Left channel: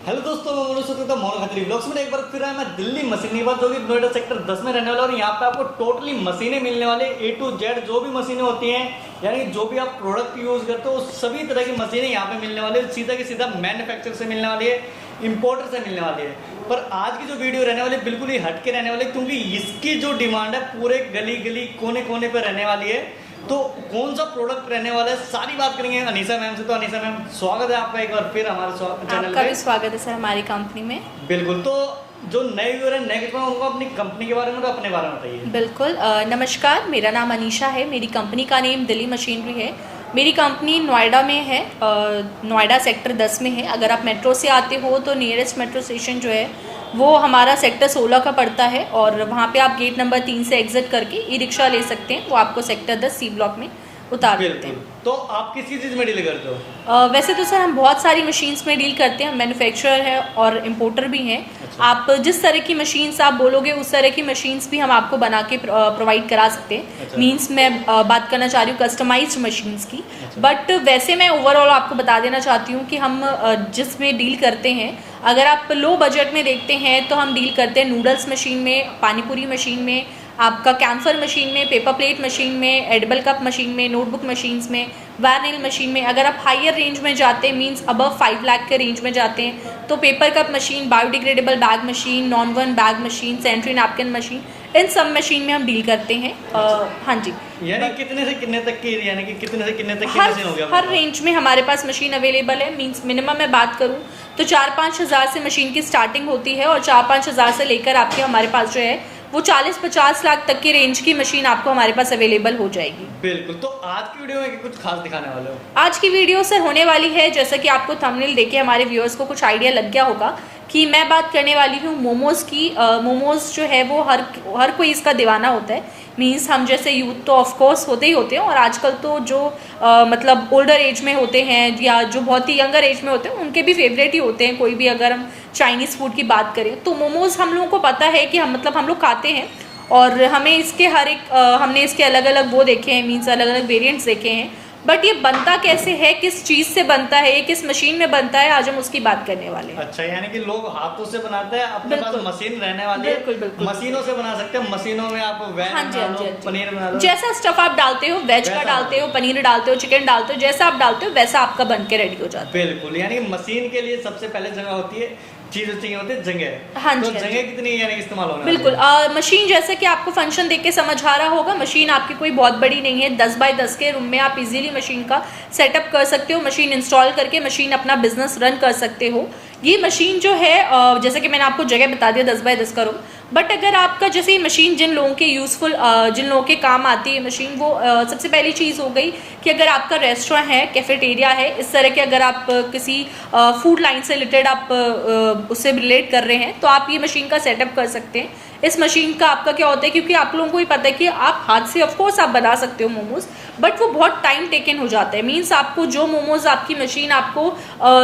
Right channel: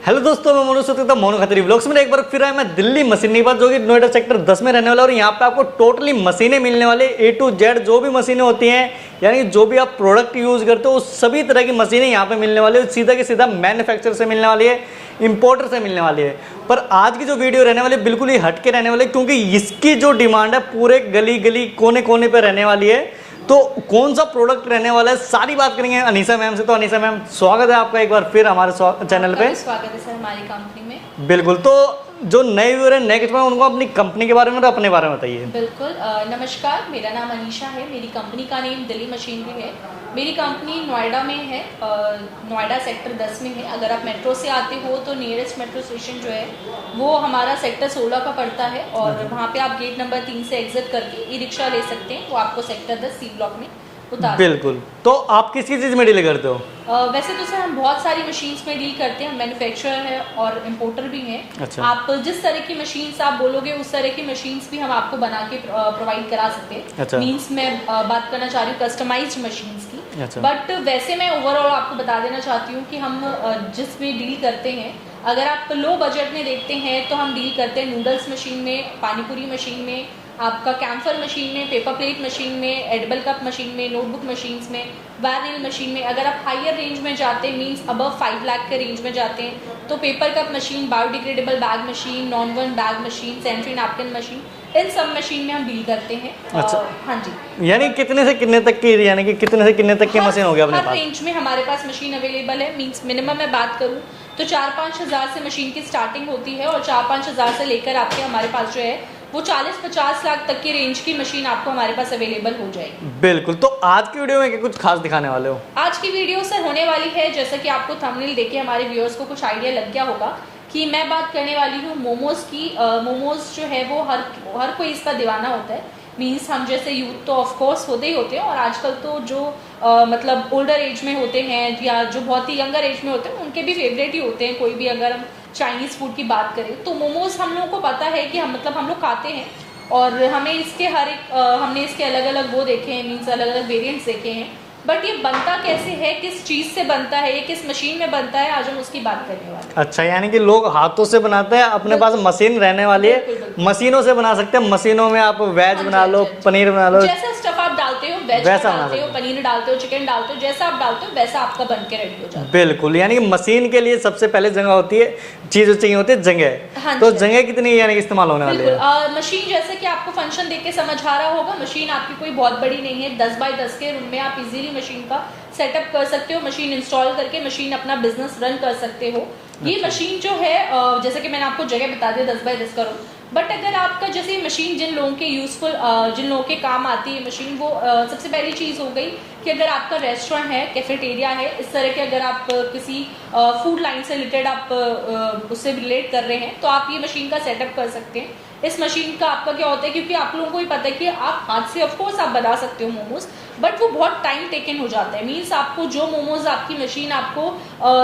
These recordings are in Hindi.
हेलो दोस्तों, मैं मोनू सत्य मोनू खत्री ब्लॉग्स में एक बार फिर आया मैं दिल्ली मशीनरी पर, जो कि नोएडा सेक्टर 10 में रहने वाला। और यहाँ पे आपको टोटली मशीनें मिलने वाले A to Z, जो भी मशीनें होती हैं, यानी जो भी आप प्रोडक्ट यूज करते हो सभी तरह की मशीनें यहाँ पे मिलने वाली है। सीधा की सीधा मैन्युफैक्चरर से मिलने वाली है, इंपोर्टर से मिलने वाली है। पर आज की जो वीडियो रहने वाली है बिल्कुल ही हटके रहने वाली है, क्योंकि इसकी जो डिमांड है पूरे गली गली कोने कोने पे रहने वाली है। तो कौन सा प्रोडक्ट रहने वाला है सारी बात करेंगे अनीसा मैम से। तो अनीसा मैम, स्वागत है आपका एक बार फिर हमारे चैनल पे। स्वागत है सर हमारी कंपनी में। बिल्कुल, तो जो नए व्यूअर है, नए कस्टमर, उनको अपनी कंपनी के बारे में और अपने बारे में बताइए। बिल्कुल, नमस्कार, मेरा नाम अनीशा है। मेरी कंपनी का नेम दिल्ली मशीनरी है। मेरी कंपनी नोएडा में है, नोएडा सेक्टर 10 में है। अगर आप मेट्रो से आते हो तो नियरेस्ट मेट्रो स्टेशन जो है वो हमारा सेक्टर 16 का पड़ता है, और वहाँ पे आप गेट नंबर 3 से एग्जिट करके ई रिक्शा ले सकते हैं। वो आपको सेक्टर 10 सी ब्लॉक में उतार। बिल्कुल, तो आप किस चीज़ में डील करते हो? वैसे तो सर हम बहुत सारी मशीन्स में डील करते हैं। मैन्युफैक्चरर है और इम्पोर्टर भी हैं। अच्छा। आप जिस तरह की मशीन्स आप बोलोगे उस तरह की मशीन्स भी हम आपको बना के प्रोवाइड करा सकते हैं। अच्छा। मीन्स मैं बात करना चाह रही हूँ कस्टमाइज्ड मशीन्स की। अच्छा। बट वैसे मैं ओवरऑल आपको बता देना चाहती हूँ कि हम जिसमें डील करते हैं, अगर आप लो बजट में देखते हैं तो हम डील करते हैं नूडल्स मशीन में, पानीपुरी मशीन में, आपका कैम्फर मशीन में, पेपर प्लेट मशीन में, एडिबल कप मशीन में, नोटबुक मशीन्स में, वायरनेल मशीन में। अगर आप हायर रेंज में जाते हैं, मींस अबव 5 लाख के रेंज में जाते हैं, तो paper cup machine, biodegradable bag machine, non woven bag machine, sanitary napkin machine, इन सब मशीन में हम डील करते हैं। अच्छा। हाँ जी। यानी कितने से कितने तक की, यानी कि कितने से कितने तक की मशीन हो गया अपने हर पास? रेंज में हमारे पास मशीन अवेलेबल है। मींस मिनिमम मैं बात करूँ तो 4-5 हज़ार से मशीन की स्टार्टिंग होती है, और 4-5 हज़ार से लेकर आपके हमारे पास जो है वो 40-50 लाख तक की रेंज की मशीन आपको हमारे पास अवेलेबल हो जाएगी। बिल्कुल, तो आज की वीडियो में कुछ खास दिखाने वाले हो? आज की वीडियो से होने वाली है, जैसा कि आपको थंबनेल देख के हमारे व्यूअर्स को कुछ आइडिया लग गया होगा कि मैं बात करने वाली हूँ मोमोज की। मोमोज जो है वो हर कोई इसका दीवाना होता है। मीन्स हम जैसे यूथ तो ऑफ कोर्स होते ही होते हैं, और आजकल तो जो मतलब ओल्डर एज में होते हैं या जो बहुत ही यंगर एज में होते हैं उनके भी फेवरेट ही होते हैं। कोई भी, अगर हम चाइनीज़ फूड की बात करें तो मोमोज हम लोगों को पता है कि हम लोग खाते हैं, और हमें इसके हमने इसके अलग अलग वो देखे हैं, मीन्स अलग अलग वेरिएंट्स देखे हैं। बट ये बनता कैसे है, किस चीज़ से बनता है, किस मशीन में बनता है, आज हम उसकी बात करने वाले हैं। अच्छा, यानी कि लोग हाथों से बनाते हैं, अपने पास मशीन रहने वाली है। बिल्कुल, बिल्कुल। मशीनों से बना सकते हैं। मशीनों में आप वेज हाँ जी, बना लो, हाँ जी। पनीर बना लो, जैसा स्टफ आप डालते हो, वेज का डालते हो, पनीर डालते हो, चिकन डालते हो, जैसा आप डालते हो वैसा आपका बन के रेडी हो जाता है। बिल्कुल, यानी कि मशीन के लिए सबसे पहले जगह होती है, चीज चाहिए होती है जगह। हाँ तो जी। जगह कितनी यानी कि इस्तेमाल होने वाली बिल्कुल, है? मशीन जैसे कि आपको फंक्शन देख के समझ आ रहा होगा, मशीन आपकी कोई बहुत बड़ी नहीं है। 10 बाय 10 के रूम में आप इजीली मशीन का सेटअप कर सकते हो। मशीन इंस्टॉल करके मशीन अपना बिजनेस रन कर सकते हो। ये मशीन जो है, जैसे कि मैंने आपको जगह बता दिया 10 बाय 10 का रूम। बट अगर आपका जैसे मशीन जिन लोगों के यूजफुल, जिन लोगों के काम आती है मशीन, वो सबसे पहली चीज़ हो गई कि अगर आपका रेस्टोरेंट है, कैफेटेरिया है, इस तरह के अगर आप किसी फूड लाइन से रिलेटेड आप उससे रिलेट कर रहे हैं तो आप ये मशीन का सेटअप कर सकते हैं। इस मशीन का आपका क्या होता है, क्योंकि आप लोगों को ही पता है कि आप हाथ से ऑफकोर्स आप बना सकते हो मोमोज, बट वो बहुत टाइम टेकन हो जाता है। मीन्स आपको जो मोमोज आपकी मशीन आपको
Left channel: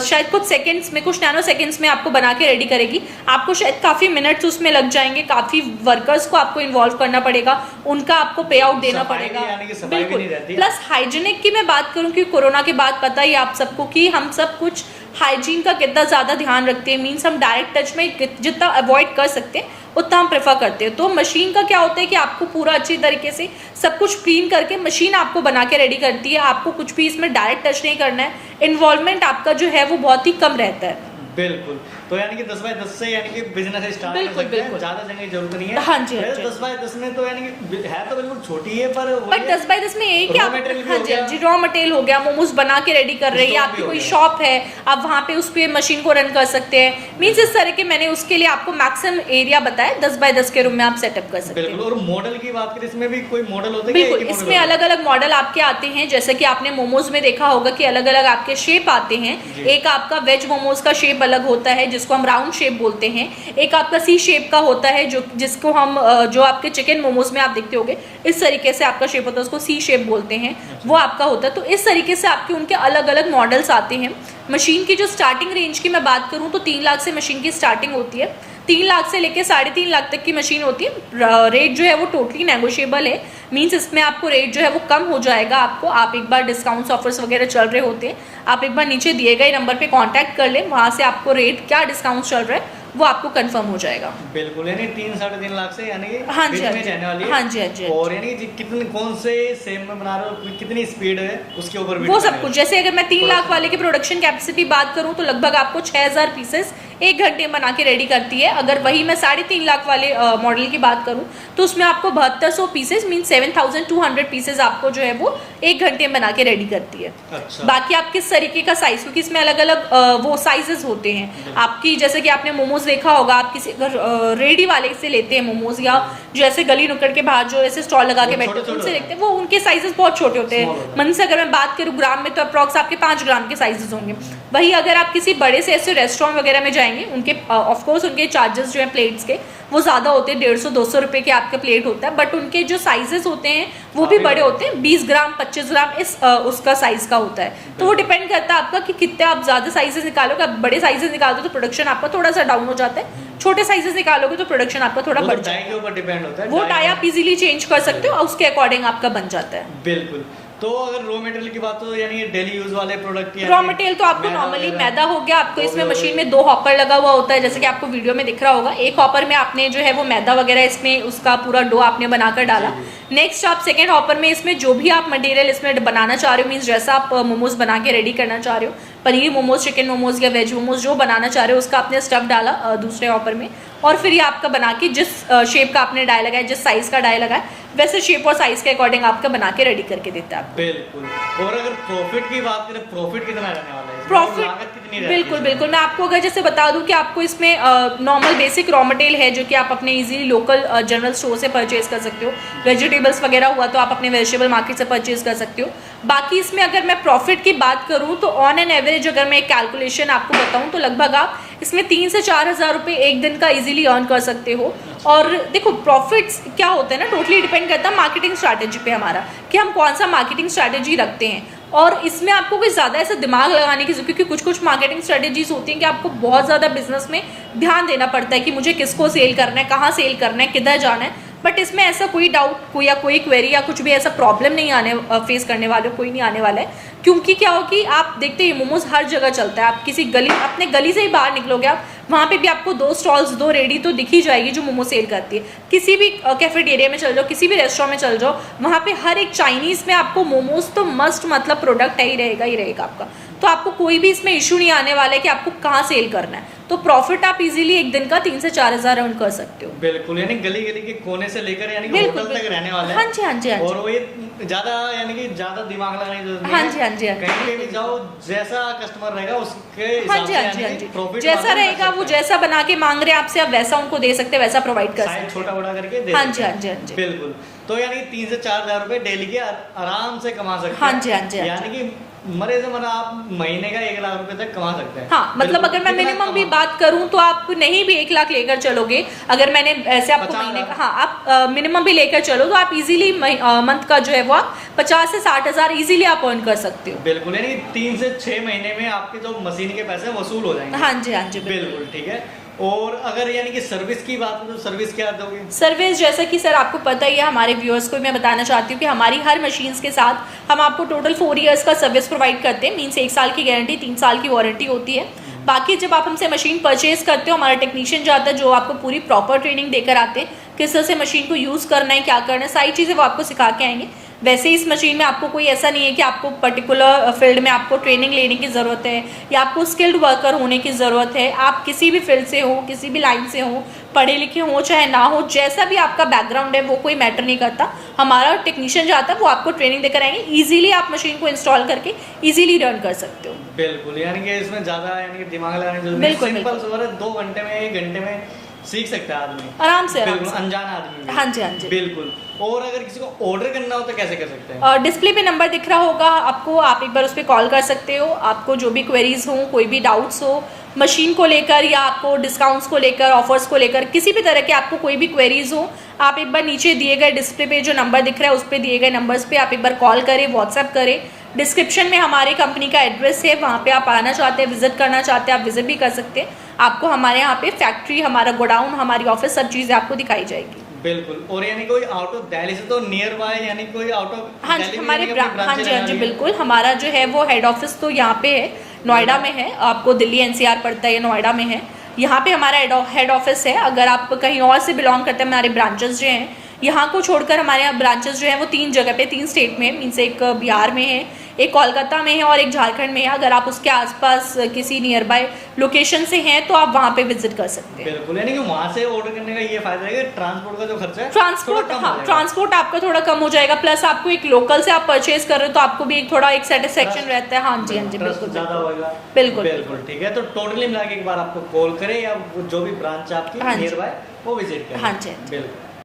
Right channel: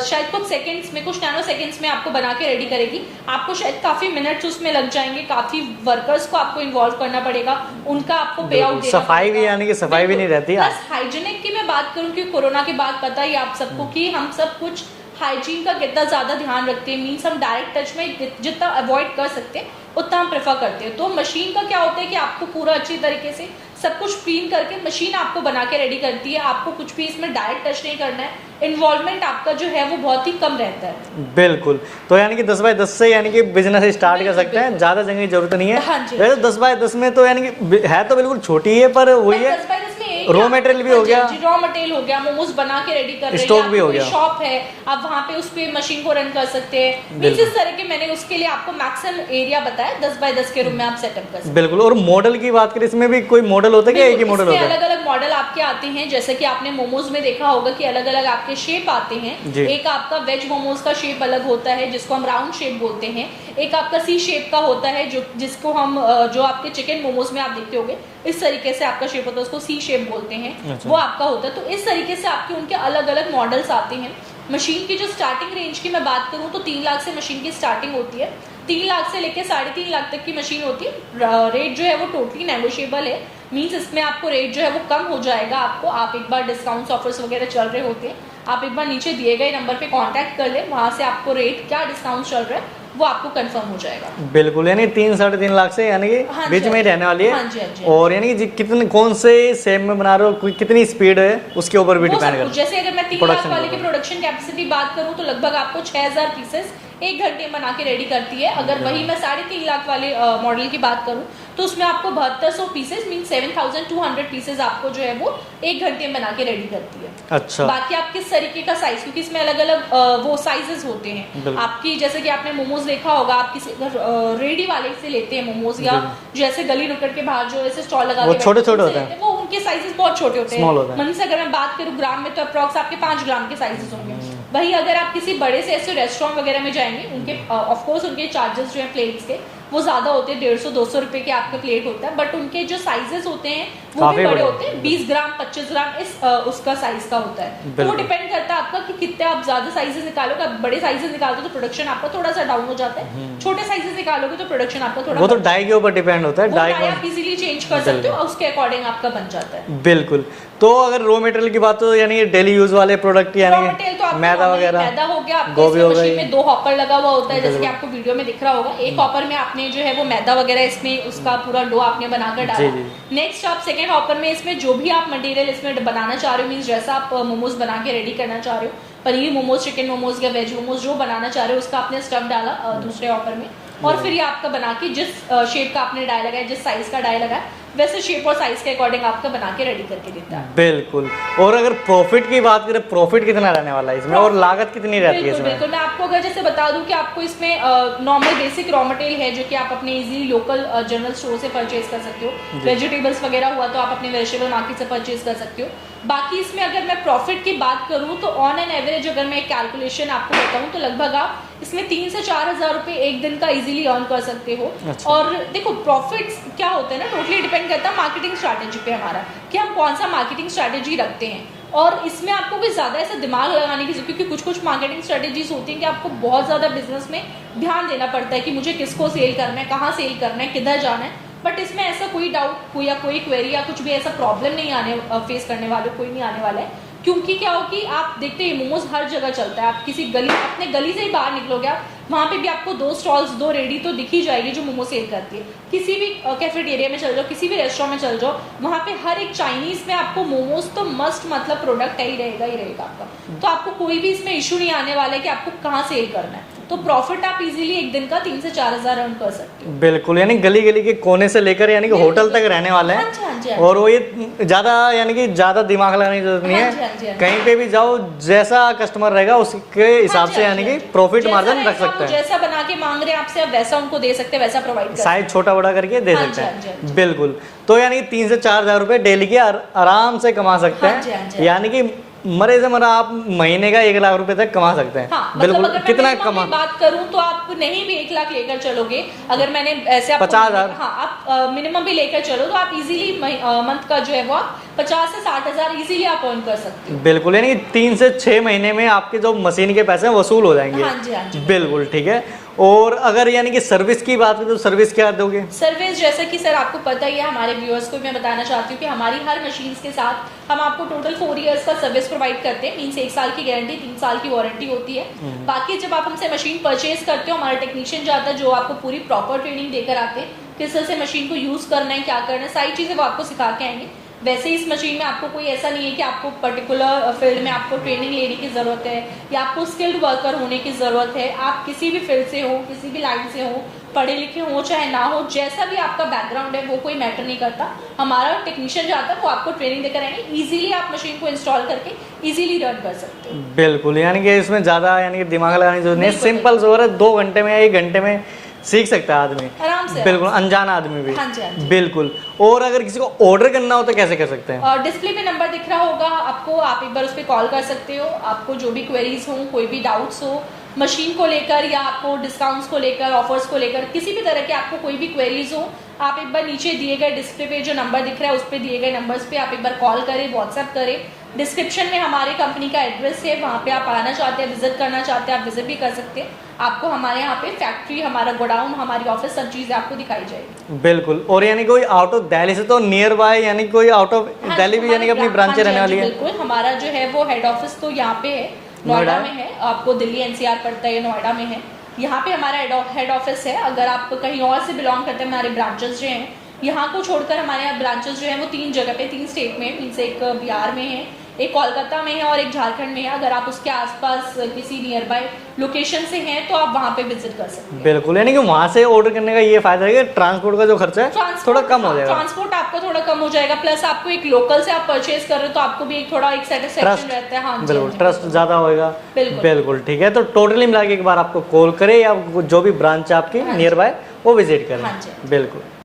शायद कुछ सेकंड्स में, कुछ नैनो सेकंड्स में आपको बना के रेडी करेगी, आपको शायद काफ़ी मिनट्स उसमें लग जाएंगे। काफ़ी वर्कर्स को आपको इन्वॉल्व करना पड़ेगा, उनका आपको पे आउट देना पड़ेगा। सफाई भी, यानी कि सफाई भी नहीं रहती है। प्लस हाइजीनिक की मैं बात करूँ कि कोरोना के बाद पता ही आप सबको कि हम सब कुछ हाइजीन का कितना ज़्यादा ध्यान रखते हैं। मीन्स हम डायरेक्ट टच में जितना अवॉइड कर सकते हैं उतना हम प्रेफर करते हैं। तो मशीन का क्या होता है कि आपको पूरा अच्छी तरीके से सब कुछ क्लीन करके मशीन आपको बना के रेडी करती है। आपको कुछ भी इसमें डायरेक्ट टच नहीं करना है। इन्वॉल्वमेंट आपका जो है वो बहुत ही कम रहता है। बिल्कुल, तो यानी कि 10 बाय 10 से यानी कि बिजनेस स्टार्ट कर सकते हैं, ज्यादा जगह की जरूरत नहीं है। हाँ जी। 10 बाय 10 में तो यानी कि है तो बिल्कुल छोटी है, पर वही है 10 बाय 10 में एक रॉ मटेरियल भी हो गया, रॉ मटेरियल हो गया, मोमोज बना के रेडी कर रहे हैं, स्टॉक भी हो कोई गया, शॉप है, आप वहाँ पे उस पे मशीन को रन कर सकते हैं। मींस इस तरह के मैंने उसके लिए आपको मैक्सिमम एरिया बताया, 10 बाय 10 के रूम में आप सेटअप कर सकते हैं। बिल्कुल। और मॉडल की बात करें, इसमें भी कोई मॉडल होता है कि एक ही मॉडल होता है? अलग अलग मॉडल आपके आते हैं। जैसे कि आपने मोमोज में देखा होगा कि अलग अलग आपके शेप आते हैं। एक आपका वेज मोमोज का शेप अलग होता है जिसको हम राउंड शेप बोलते हैं। एक आपका सी शेप का होता है जिसको हम जो आपके चिकन मोमोज में आप देखते होंगे इस तरीके से आपका शेप होता है, उसको सी शेप बोलते हैं। वो आपका होता है। तो इस तरीके से आपके उनके अलग अलग मॉडल्स आते हैं। मशीन की जो स्टार्टिंग रेंज की मैं बात करूं तो 3 लाख से मशीन की स्टार्टिंग होती है। 3 लाख से लेके 3.5 लाख तक की मशीन होती है। रेट जो है वो टोटली नेगोशिएबल है। मींस इसमें आपको रेट जो है वो कम हो जाएगा। आप एक बार डिस्काउंट्स ऑफर्स वगैरह चल रहे होते हैं, आप एक बार नीचे दिए गए नंबर पे कांटेक्ट कर लें, वहां से आपको रेट क्या डिस्काउंट चल रहा है वो आपको कंफर्म हो जाएगा। बिल्कुल, यानी 3-3.5 लाख से यानी कि हाँ बीच जी, में रहने वाली है। हाँ जी, हाँ जी। और यानी कि कितने कौन से सेम में बना रहे हो, कितनी स्पीड है उसके ऊपर भी वो डिपेंड सब कुछ, करता जैसे अगर मैं 3 लाख वाले की प्रोडक्शन कैपेसिटी बात करूं तो लगभग आपको 6000 पीसेस 1 घंटे में बना के रेडी करती है। अगर वही मैं 3.5 लाख वाले मॉडल की बात करूं तो उसमें आपको 7200 पीसेस मीन 7200 पीसेस आपको जो है वो 1 घंटे में बना के रेडी करती है। है। अच्छा, बाकी आप किस तरीके का साइज, क्योंकि इसमें अलग अलग वो साइजेस होते हैं बिल्कुल। आपकी, जैसे कि आपने मोमोज देखा होगा, आप किसी अगर रेडी वाले से लेते हैं मोमोज, या जो ऐसे गली नुक्कड़ के बाहर जो ऐसे स्टॉल लगा वो के छोटे-छोटे उनसे होते हैं। लेते हैं, वो उनके साइजेस बहुत छोटे होते Small हैं। होता है। मन से अगर मैं बात करूँ ग्राम में तो अप्रॉक्स आपके 5 ग्राम के साइजेस होंगे। वही अगर आप किसी बड़े से ऐसे रेस्टोरेंट वगैरह में जाएंगे, उनके ऑफ कोर्स उनके चार्जेस जो है प्लेट्स के वो ज्यादा होते हैं, 150-200 रुपए के आपका प्लेट होता है, बट उनके जो साइजेस होते हैं वो भी काफी बड़े बड़े। होते हैं, 20 ग्राम 25 ग्राम इस उसका साइज का होता है। तो वो बिल्कुल। डिपेंड करता है आपका कि कितने आप ज्यादा साइजेस निकालोगे। आप बड़े साइजेस निकालोगे तो प्रोडक्शन आपका थोड़ा सा डाउन हो जाता है, छोटे साइजेस निकालोगे तो प्रोडक्शन आपका थोड़ा वो तो बढ़ डाई के ऊपर डिपेंड होता है। वो डाई आप इजीली चेंज कर सकते हो और उसके अकॉर्डिंग आपका बन जाता है। बिल्कुल। तो अगर रॉ मटेरियल की बात हो, यानी डेली यूज वाले प्रोडक्ट रॉ यानी मटेरियल तो आपको मैदा नॉर्मली वगैरह, मैदा हो गया, आपको गोभी इसमें हो मशीन गई। में 2 हॉपर लगा हुआ होता है, जैसे कि आपको वीडियो में दिख रहा होगा। एक हॉपर में आपने जो है वो मैदा वगैरह इसमें उसका पूरा डो आपने बनाकर डाला। जी, नेक्स्ट आप सेकेंड हॉपर में इसमें जो भी आप मटेरियल इसमें बनाना चाह रहे हो, मीन्स जैसा आप मोमोज बना के रेडी करना चाह रहे हो, पनीर मोमोज, चिकन मोमोज या वेज मोमोज जो बनाना चाह रहे हो, उसका आपने स्टफ डाला दूसरे हॉपर में, और फिर ये आपका बना के जिस शेप का आपने डाई लगाया, जिस साइज का डाई लगाया, वैसे शेप और साइज के अकॉर्डिंग आपका बना के रेडी करके देता है। बिल्कुल। और अगर प्रॉफिट की बात करें, प्रॉफिट कितना रहने वाला है इसमें और Profit- लागत कितनी रहती है बिल्कुल इसमें? बिल्कुल, मैं आपको अगर जैसे बता दूं कि आपको इसमें नॉर्मल बेसिक रॉ मटेरियल है जो कि आप अपने इजीली लोकल जनरल स्टोर से परचेज कर सकते हो। वेजिटेबल्स वगैरह हुआ तो आप अपने वेजिटेबल मार्केट से परचेज कर सकते हो। बाकी इसमें अगर मैं प्रॉफिट की बात करूं तो ऑन एन एवरेज अगर मैं कैलकुलेशन आपको बताऊं तो लगभग आप इसमें 3 से 4 हजार रुपए एक दिन का इजीली अर्न कर सकते हो। अच्छा। और देखो प्रॉफिट्स क्या होते हैं ना, टोटली डिपेंड करता है मार्केटिंग स्ट्रैटेजी पे हमारा, कि हम कौन सा मार्केटिंग स्ट्रैटेजी रखते हैं। और इसमें आपको कोई ज्यादा ऐसा दिमाग लगाने की, क्योंकि कुछ मार्केटिंग स्ट्रेटेजीज होती हैं कि आपको बहुत ज्यादा बिजनेस में ध्यान देना पड़ता है कि मुझे किसको सेल करना है, कहाँ सेल करना है, किधर जाना है। बट इसमें ऐसा कोई डाउट या कोई क्वेरी या कुछ भी ऐसा प्रॉब्लम नहीं आने फेस करने वाले कोई नहीं आने वाला है। क्योंकि क्या हो कि आप देखते हैं मोमोज हर जगह चलता है, आप किसी गली, अपने गली से ही बाहर निकलोगे आप, वहाँ पे भी आपको 2 स्टॉल्स 2 रेडी तो दिख ही जाएगी जो मोमो सेल करती है। किसी भी कैफेटेरिया में चल जाओ, किसी भी रेस्टोरेंट में चल जाओ, वहाँ पे हर एक चाइनीज में आपको मोमोज तो मस्ट मतलब प्रोडक्ट है ही रहेगा आपका। तो आपको कोई भी इसमें इशू नहीं आने वाला है कि आपको कहाँ सेल करना है। तो प्रॉफिट आप इजीली एक दिन का 3 से 4 हजार अर्न कर सकते हो। बिल्कुल, यानी गली गली के कोने से लेकर यानी कि बिल्कुल, होटल तक रहने वाले हैं। हाँ जी, हाँ जी, हाँ जी। और वो ये ज्यादा यानी कि ज्यादा दिमाग लगाने की जरूरत नहीं हाँ है। जी, हाँ जी, हाँ जी। कहीं पे भी जाओ, जैसा कस्टमर रहेगा उसके हिसाब से यानी कि प्रॉफिट जैसा मार्जिन रख रहेगा वो, सकते हैं। जैसा बना के मांग रहे हैं आपसे, आप वैसा उनको दे सकते हैं, वैसा प्रोवाइड कर सकते साइज छोटा बड़ा करके दे हाँ सकते जी, हाँ जी, हाँ हैं। जी। बिल्कुल। तो यानी 3 से 4 हजार रुपए डेली के आराम से कमा सकते हाँ जी, हाँ जी, हैं। हाँ यानी कि मरे से मरा आप महीने का 1 लाख रुपए तक कमा सकते हैं। हाँ, मतलब बिल्कुल। अगर मैं कितना मिनिमम कमा? भी बात करूं तो आप नहीं भी 1 लाख लेकर चलोगे, अगर मैंने ऐसे आपको 50,000 हाँ, आप मिनिमम भी लेकर चलो तो आप इजीली मंथ का जो है वो आप 50 से 60 हजार इजीली आप अर्न कर सकते हो। बिल्कुल, यानी 3 से 6 महीने में आपके जो मशीन के पैसे हैं वसूल हो जाएंगे। हाँ जी, हाँ जी, बिल्कुल, ठीक है। और अगर यानी कि सर्विस की बात करें तो सर्विस क्या दोगे? सर्विस जैसा कि सर आपको पता ही है, हमारे व्यूअर्स को मैं बताना चाहती हूँ कि हमारी हर मशीन्स के साथ हम आपको टोटल 4 इयर्स का सर्विस प्रोवाइड करते हैं। मीन्स 1 साल की गारंटी, 3 साल की वारंटी होती है। बाकी जब आप हमसे मशीन परचेज करते हो, हमारा टेक्नीशियन जाता है जो आपको पूरी प्रॉपर ट्रेनिंग देकर आते हैं, किस तरह से मशीन को यूज करना है, क्या करना है, सारी चीजें वो आपको सिखा के आएंगे। वैसे इस मशीन में आपको कोई ऐसा नहीं है कि आपको पर्टिकुलर फील्ड में आपको ट्रेनिंग लेने की ज़रूरत है या आपको स्किल्ड वर्कर होने की ज़रूरत है। आप किसी भी फील्ड से हो, किसी भी लाइन से हो, पढ़े लिखे हो चाहे ना हो, जैसा भी आपका बैकग्राउंड है वो कोई मैटर नहीं करता। हमारा टेक्नीशियन जाता है, वो आपको ट्रेनिंग देकर आएंगे। ईजिली आप मशीन को इंस्टॉल करके ईजिली रन कर सकते हो। बिल्कुल, यानी कि इसमें ज्यादा यानी कि दिमाग लगाने की जरूरत नहीं, बिल्कुल, सिंपल सा 2 घंटे में या 1 घंटे में सीख सकता है आदमी आराम से, बिल्कुल, आराम से। अनजान आदमी भी। हाँ जी, हाँ जी। बिल्कुल। और अगर किसी को ऑर्डर करना हो तो कैसे कर सकते हैं? डिस्प्ले पे नंबर दिख रहा होगा आपको, आप एक बार उस पर कॉल कर सकते हो। आपको जो भी क्वेरीज हो, कोई भी डाउट्स हो मशीन को लेकर या आपको डिस्काउंट्स को लेकर, ऑफर्स को लेकर, किसी भी तरह के आपको कोई भी क्वेरीज हो, आप एक बार नीचे दिए गए डिस्प्ले पे जो नंबर दिख रहा है उस पर दिए गए नंबर्स पे आप एक बार कॉल करें, व्हाट्सएप करें। डिस्क्रिप्शन में हमारे कंपनी का एड्रेस है, वहाँ पे आप आना चाहते हैं, विजिट करना चाहते हैं, आप विजिट भी कर सकते हैं। आपको हमारे यहाँ पे फैक्ट्री, हमारा गोडाउन, हमारी ऑफिस, सब चीज़ें आपको दिखाई जाएगी। बिल्कुल। और यानी कोई आउट ऑफ दिल्ली से तो नियर बाय, यानी कोई आउट ऑफ हाँ दिल्ली भी यानी कि अपनी ब्रांचें रहने वाली है? बिल्कुल, हमारा जो है वो हेड ऑफिस तो यहाँ पे है, नोएडा में है। आपको दिल्ली एनसीआर पड़ता है, ये नोएडा में है। यहाँ पे हमारा हेड ऑफिस है। अगर आप कहीं और से बिलोंग करते हैं, हमारे ब्रांचेस जो हैं यहाँ को छोड़कर, हमारे यहाँ ब्रांचेस जो हैं वो 3 जगह पे, 3 स्टेट में, मीन्स एक बिहार में है, एक कोलकाता में है और एक झारखंड में है। अगर आप उसके आसपास किसी नियर बाय लोकेशन से हैं तो आप वहाँ पे विजिट कर सकते हैं। बिल्कुल, यानी कि वहाँ से ऑर्डर करने का ये फायदा है कि ट्रांसपोर्ट का जो खर्चा है थोड़ा कम हो जाएगा। ट्रांसपोर्ट आपका थोड़ा कम हो जाएगा, प्लस आपको एक लोकल से आप परचेज कर रहे हो तो आपको भी एक थोड़ा एक सेटिस्फेक्शन रहता है। हाँ जी, ट्रस्ट ज्यादा होगा। बिल्कुल बिल्कुल, ठीक है। तो टोटली मिला के एक बार आपको कॉल करें या जो भी ब्रांच आपकी नियर बाय वो विजिट करें। हाँ जी, बिल्कुल।